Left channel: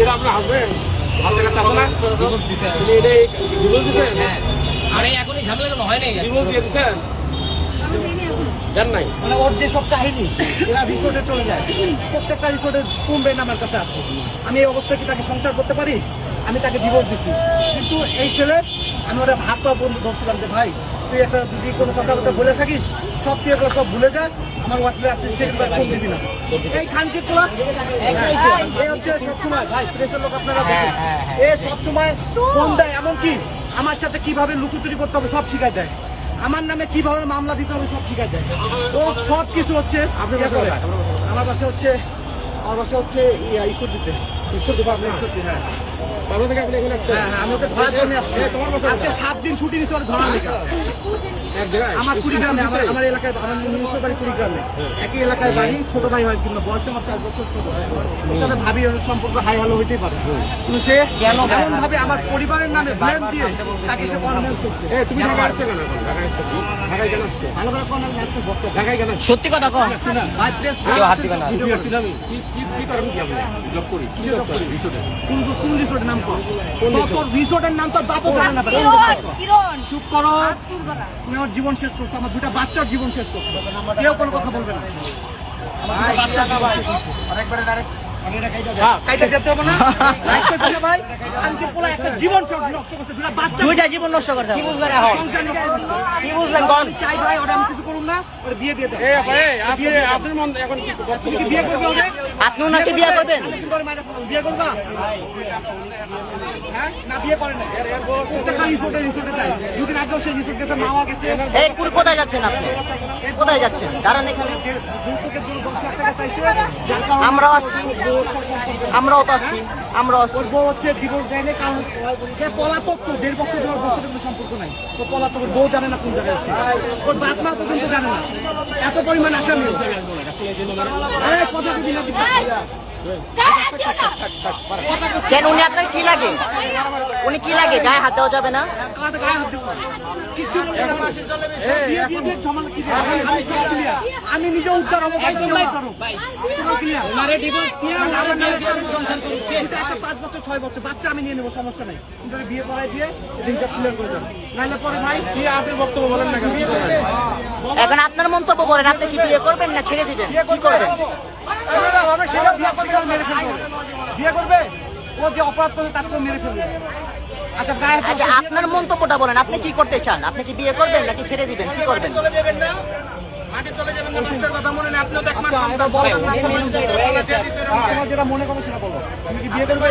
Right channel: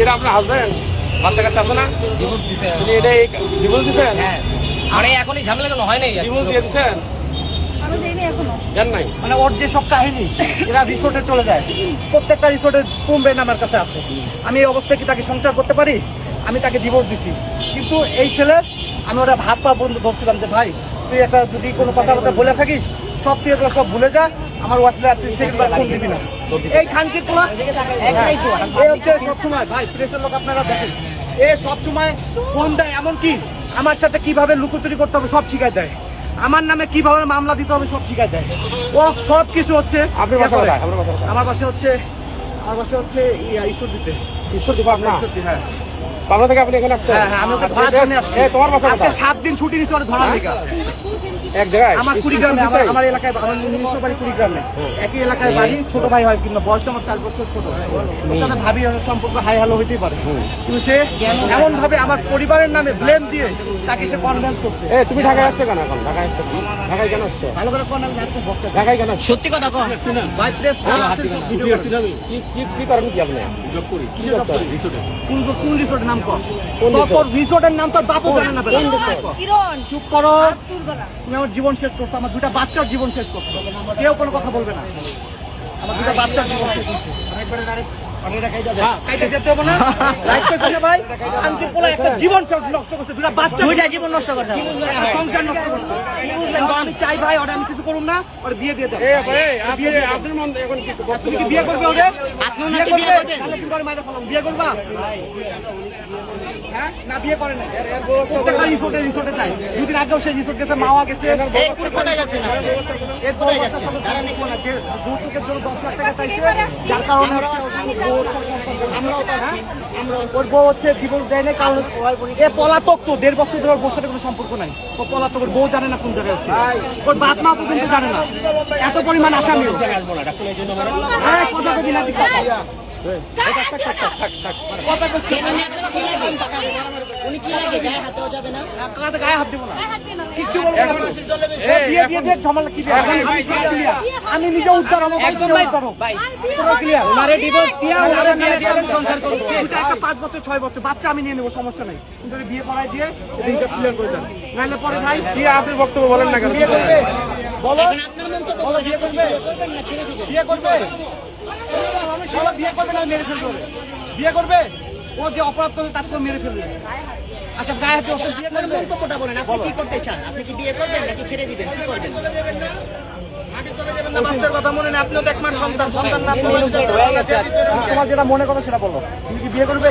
এটা আপনার হাজবেন্ড বাচ্চা কাছে আছে না? তুমি এটা ডিভোর্স দিচ্ছেন? আরে এখনই ঝামেলা হয় নাই। ডিভোর্স দিয়ে দিচ্ছেন? জান নাই মানে ওর যে সব কাহিনী এরা রিসোর্টে চলে যায়, প্রত্যেকটা রিসোর্টের কমবেন আমার কাছে আছে। আমি এই অবস্থায় কি তাকে সংসার করতে পারি? আমি তাকে ডিভোর্স দিছি, কিন্তু এই ছেলে আমি ওরা ভাত পা বন্ধু ধরছিলাম যে ভাই তুই একটা যদি কোনো কথাবার্তা বলে থাকিস সব তুই এগুলো সব ভুলে যা, আমার হোয়াটসঅ্যাপ তুই সেকেন্ডবার ফোন দিবি না। এই খানকি তোমার এই হচ্ছে সবসময় ভাই প্রেসের লোক আপনারা দেখেন, এ সবসময় ফোন দেয়, এমনকি আমার সাথে কিভাবে লুকোচুরি করতে হবে সব শিখাই দেয়, আমার নামে কিভাবে মামলা দিতে হবে সব শিখাই দেয়। ও সব কিছু হচ্ছে আপনি বাসা কোথায়? আমার বাসা হচ্ছে ঈশ্বর দিতে। ঈশ্বর দিব আপনার? হ্যাঁ বাংলা থেকে আপনি এখানে আসছেন? হ্যাঁ আমি ওকে ধরার জন্য আসছি। তোমার বাসা আজকে কোথায়? 7 দিন ছুটি নিচ্ছে ওর ধরার লেগে। এক জায়গায় আমার কুড়িগ্রামে, আমার এলাকায়, আমার নিজস্ব বাড়ি কুড়িগ্রামে, একই এলাকায় বাড়ি, ছোট ভাই হয় কিন্তু বয়স আমার 4 বছর ছোট। ওর সাথে ভাবি সম্পর্ক হাই হ্যালো হইতেই পারে, কিন্তু সে এমন ভাবে আমার পরিবারের নামে ব্লেম দিয়ে তাকে সে কনভিন্স করছে। তুমি ঢাকায় আসছো কেন? এখন ঢাকায় আসছো? ঢাকায় কেন আসছো? ভালো করে কনভিন্স করছে। ঢাকায় কেন? সত্যি কথা কও। ভাই প্লেস কি করেন কি আপনি? জব করি। কি জব করি? রিসোর্টে। কোন রিসোর্টের নাম কর? তোর রিসোর্টের নাম তো বাপও জানে না। কিরণ চুপ করো, দুর্গা তুমি আমার জীবন শেষ করছো, আমার 2টা বাচ্চার জীবন শেষ করছো, কেউ কোনো কথা বলবে না। আমার 2টা বাচ্চার জীবন শেষ করছো। হ্যাঁ, কাইটা যেতে হবে না? রাইট করছে ভাই, আনকি পোলা একটা জীবন নষ্ট করছে, 2টা বাচ্চা, 2টা জীবন নষ্ট করতে হবে। সংসার নষ্ট করছে। আমি চাই ভাই ওরা আমি কিছু করুন না, ওরা বিয়ে দিয়ে দেবো। আপনার মন এখন কি তুমি কি বিয়ে করবে ওদের? আপনিও নাকি বিয়ে করবেন? তাহলে কিন্তু ওর মায়ের ফেলাবো। বিয়ে করবা? হ্যাঁ না, বিয়ে করে না। প্রত্যেকটা রিসোর্টে চাই। 2 দিন আগেও সেই রিসোর্ট গেছে, মাওয়া গেছে। এই কুড়ি কোথায় যাচ্ছেন আপনি? কোথায় যাচ্ছেন? দাঁড়ান এখানে। যৌতুকের জন্য 10 লাখ টাকা চাইছে, যার কারণে আমরাও তো আছি। ওর বউ হচ্ছে ডিভোর্স দেয় না, কারণ এ পলাতক, তো 1.5 বছর ধরে ওর বউর সাথে কোনো সম্পর্ক নাই। ও পলাতক, ওর বউ জানে না কোন জায়গায় আছে, ওর বাপ মা পর্যন্ত জানে না, এত পরিমাণ আসামি। কথা কবি না কেন উনি আপনার কি লাগে? উনি কি লাগে? গায়ে হাত দেওয়া যাবে না? গায়ে হাত দিব না, কিচ্ছু বলবো না। বিয়ে দিয়ে দিয়ে ঝামেলা কি? আমি নিজে উদ্ধার, আমার ভাই নিজে উদ্ধার হোক। পুরো ক্লিয়ার। ওনারে ডিভোর্স দিয়ে ওনারে মেরে দিয়ে সংসার করছে। এটা একটা 5 বছর 6 বছর বাচ্চা আমি নিয়ে নেবো, সমস্যা নেই, কিন্তু বিয়ে পড়াই দিয়ে এটা হিসাব ক্লিয়ার করে দেন, নাহলে পরে ভাই কি আপনার বক্তব্য বলেন না কেন? এখন আপনার মন্তব্য বলেন, আপনি কি বিয়ে করবেন না ছেড়ে দিবেন? বিয়ে করবে, সেটা বিয়ে করবে না মেরে ফেলবে, বিয়ে করবে, ও যে অপরাধ করবে তাকে মেরে ফেলবে। আচ্ছা গায়ে হাত আচ্ছা আপনার মন্তব্যটা বলেন, আপনি কি করতে চান? আপনি কি বিয়ে করবেন নাকি ছেড়ে দিবেন? কি করবেন? বাচ্চার কথা মনে নেই, আপনিও তো এক মাস সন্তান, তোমার যেটা মনে করো সেটা বলো। তুমি কি বিয়ে করবে?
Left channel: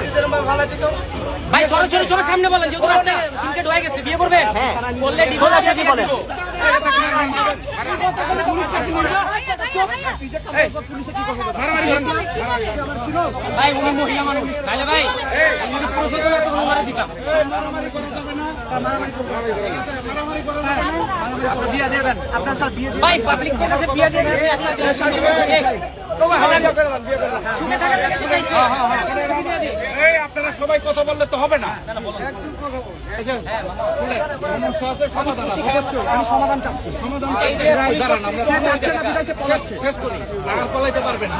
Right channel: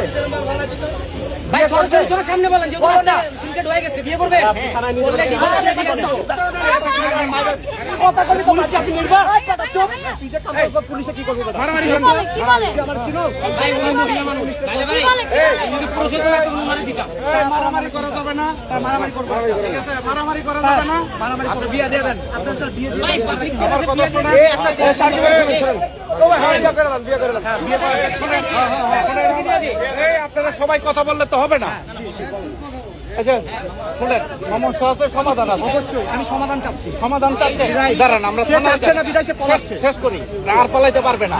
ভাই ছোট ছোট ছোট সামনে বলেন, যেহেতু রাস্তা সিনকেট হয়ে গেছে, বিয়ে করবেন? বললে ডিভোর্স আছে বিয়ে দেব। পুলিশে কি করবে? মারামারি করেন। কি বলে আমার ছিল ভাই উনি মহিলা মানুষ। ভাই ভাই এই যদি পুরুষ হতো না তো উনারে দিতাম। মারামারি করা যাবে না, মারামারি করবে, ঠিক আছে? মারামারি করা যাবে না, মারামারি করবে। বিয়ে দিয়ে দেন, আপনার স্যার বিয়ে দিয়ে ভাই দেন। পাবলিক থেকে বিয়ে দেন। আপনারা সবাই কথা বললে তো হবে না। সমস্যা আছে, সমাধান আছে। অবশ্যই আমি সমাধান চাচ্ছি। সমাধান চাইছে, দাঁড়ান আমরা সে চাচ্ছে না, বিদায় পড়াচ্ছে। শেষ করি, আর পালাইতে পারবে না।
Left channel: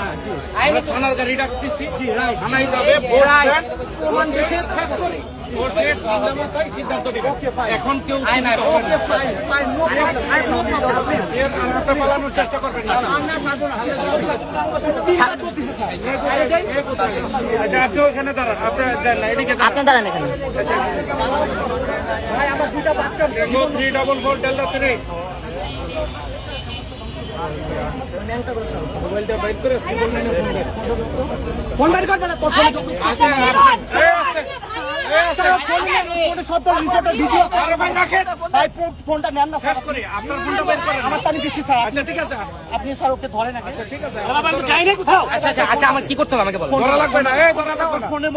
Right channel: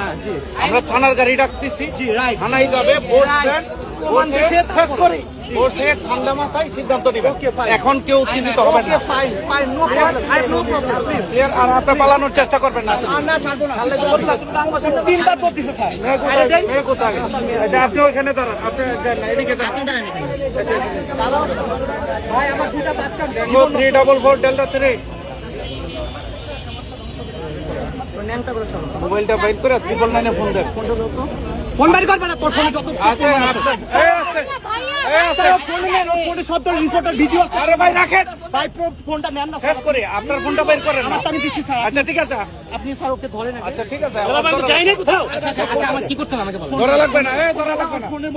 আমরা থানার গাড়ি ডাকতেছি, জি রাইট, থানায় যাবে, বসবেন, প্রমাণ দেখে শেষ করি। বসে সন্দেহটাই সিদ্ধান্ত দিবে। এখন কেউ চিন্তিত হবে না। Fine fine, no problem, I no problem, please. এর আর আপনি পালানোর চেষ্টা করবেন না। না ছাড়বো না, 3বার তো দিছে স্যার। এ কোথায়? আচ্ছা, আপনি ওখানে দাঁড়ান, আপনি যান না, এদিকে দাঁড়ান। আপনি দাঁড়ান এখানে। ভাই আমার 2টা বাচ্চা, 344 ডেল্টা 3 মোবাইলটা বাইর করে 999 ফোন দেন। ফোন বাড়ি করবে না, তোর ফোনে যত আচ্ছা, ভিডিও। আরে ভাই রাখেন, ভাই ফোনটা নেন না স্যার, করে আপনার ফোনটা বাইর করেন। আমারটা আমি দিচ্ছি স্যার। আচ্ছা ঠিক আছে, আপনি স্যার ওকে ধরেন। আচ্ছা ঠিক আছে। আচ্ছা আমার কি করতে হবে আমাকে বলুন। ধরা লাগবে না, এই ধরা লাগবে না। ফোনে